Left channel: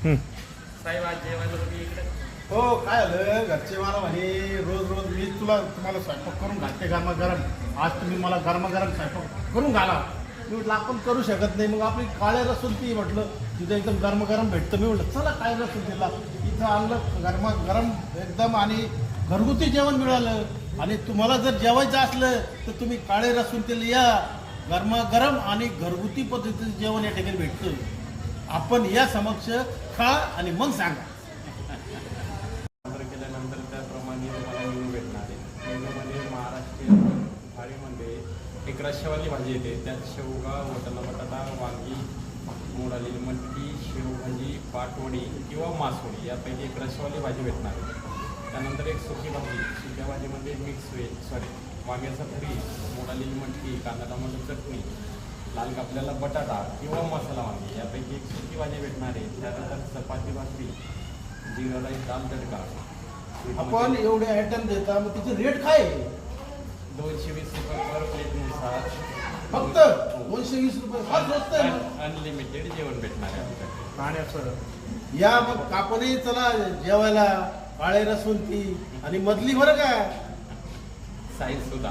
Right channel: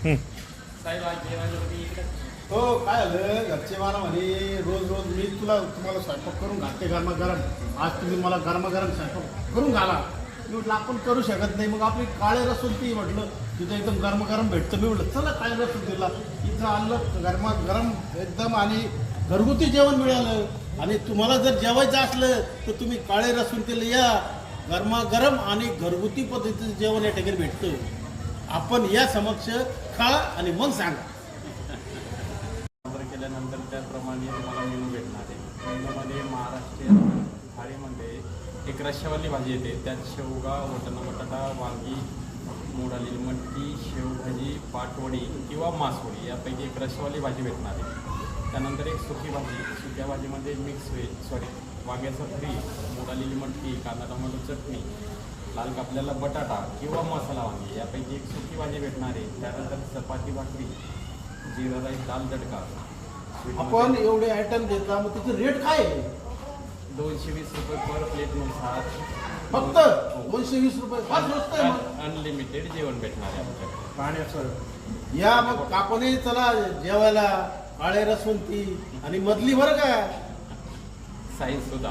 साहेब आज जेवायला तुम्ही इकडे हो काय झालं घरचे मला म्हणे रोज रोज मी तुम्हाला स्वयंपाक करून घालते गरमागरम, आज तुम्ही मला गरमागरम स्वयंपाक करून घाला. मी म्हटलं आपण करू शकत नाही, मग आपली काळे रसुलती म्हटलं तिथं एकदम गरमागरम भेटतं. मी म्हटलं चला काळे रसुलतीला इथं आणलं गरमागरम एकदम आणि घरगुती जेवण मिळालं. आणि तुम्हाला जर जेवायचं असलं तर तुम्ही काळे रसुलतीला या, गरमागरम आणि घरगुती पद्धतीचं जेवण या ठिकाणी भेटतं. आपण या समक्ष खा आणि मग सांगा. ऑर्डर केल्यानंतर त्याप्रमाणे मला मेनू भेटणार आहे. मेनूमध्ये महाराष्ट्रीयन थाळीमध्ये एक रश्श्यावाली भाजी येते, त्यात शेवगा, वटाणा बटाटा, वांगी, मोड आलेली मटकी, शेवभाजी, पाटवडी किंवा मासवडी यापैकी एक रश्श्यावाली भाजी भेटणार आहे. त्यानंतर एक सुकी भाजी, सुक्या भाजीमध्ये मिक्स व्हेज वांग्याचं फ्री, मोड आलेली मटकी, कांदा टोमॅटो चटणी, लाल कापलेला बटाटा किंवा मसाला वांगी यापैकी एक सुकी भाजी भेटणार आहे. त्यानंतर चपाती भाकरी, जिरा राईस, दाल तडका. आपण एवढे आयटम देता, मग तिचे रेट काय आहे? 220 रुपये पर प्लेटनुसार. फक्त 220 रुपये, फार स्वस्त आहे मग. अनलिमिटेड जेवण भेटणार आहे आमच्याकडे. पाण्याचं या मग आपणही चला जेवायला काळे रसवंती आणि मधली बरं का साईज सुद्धा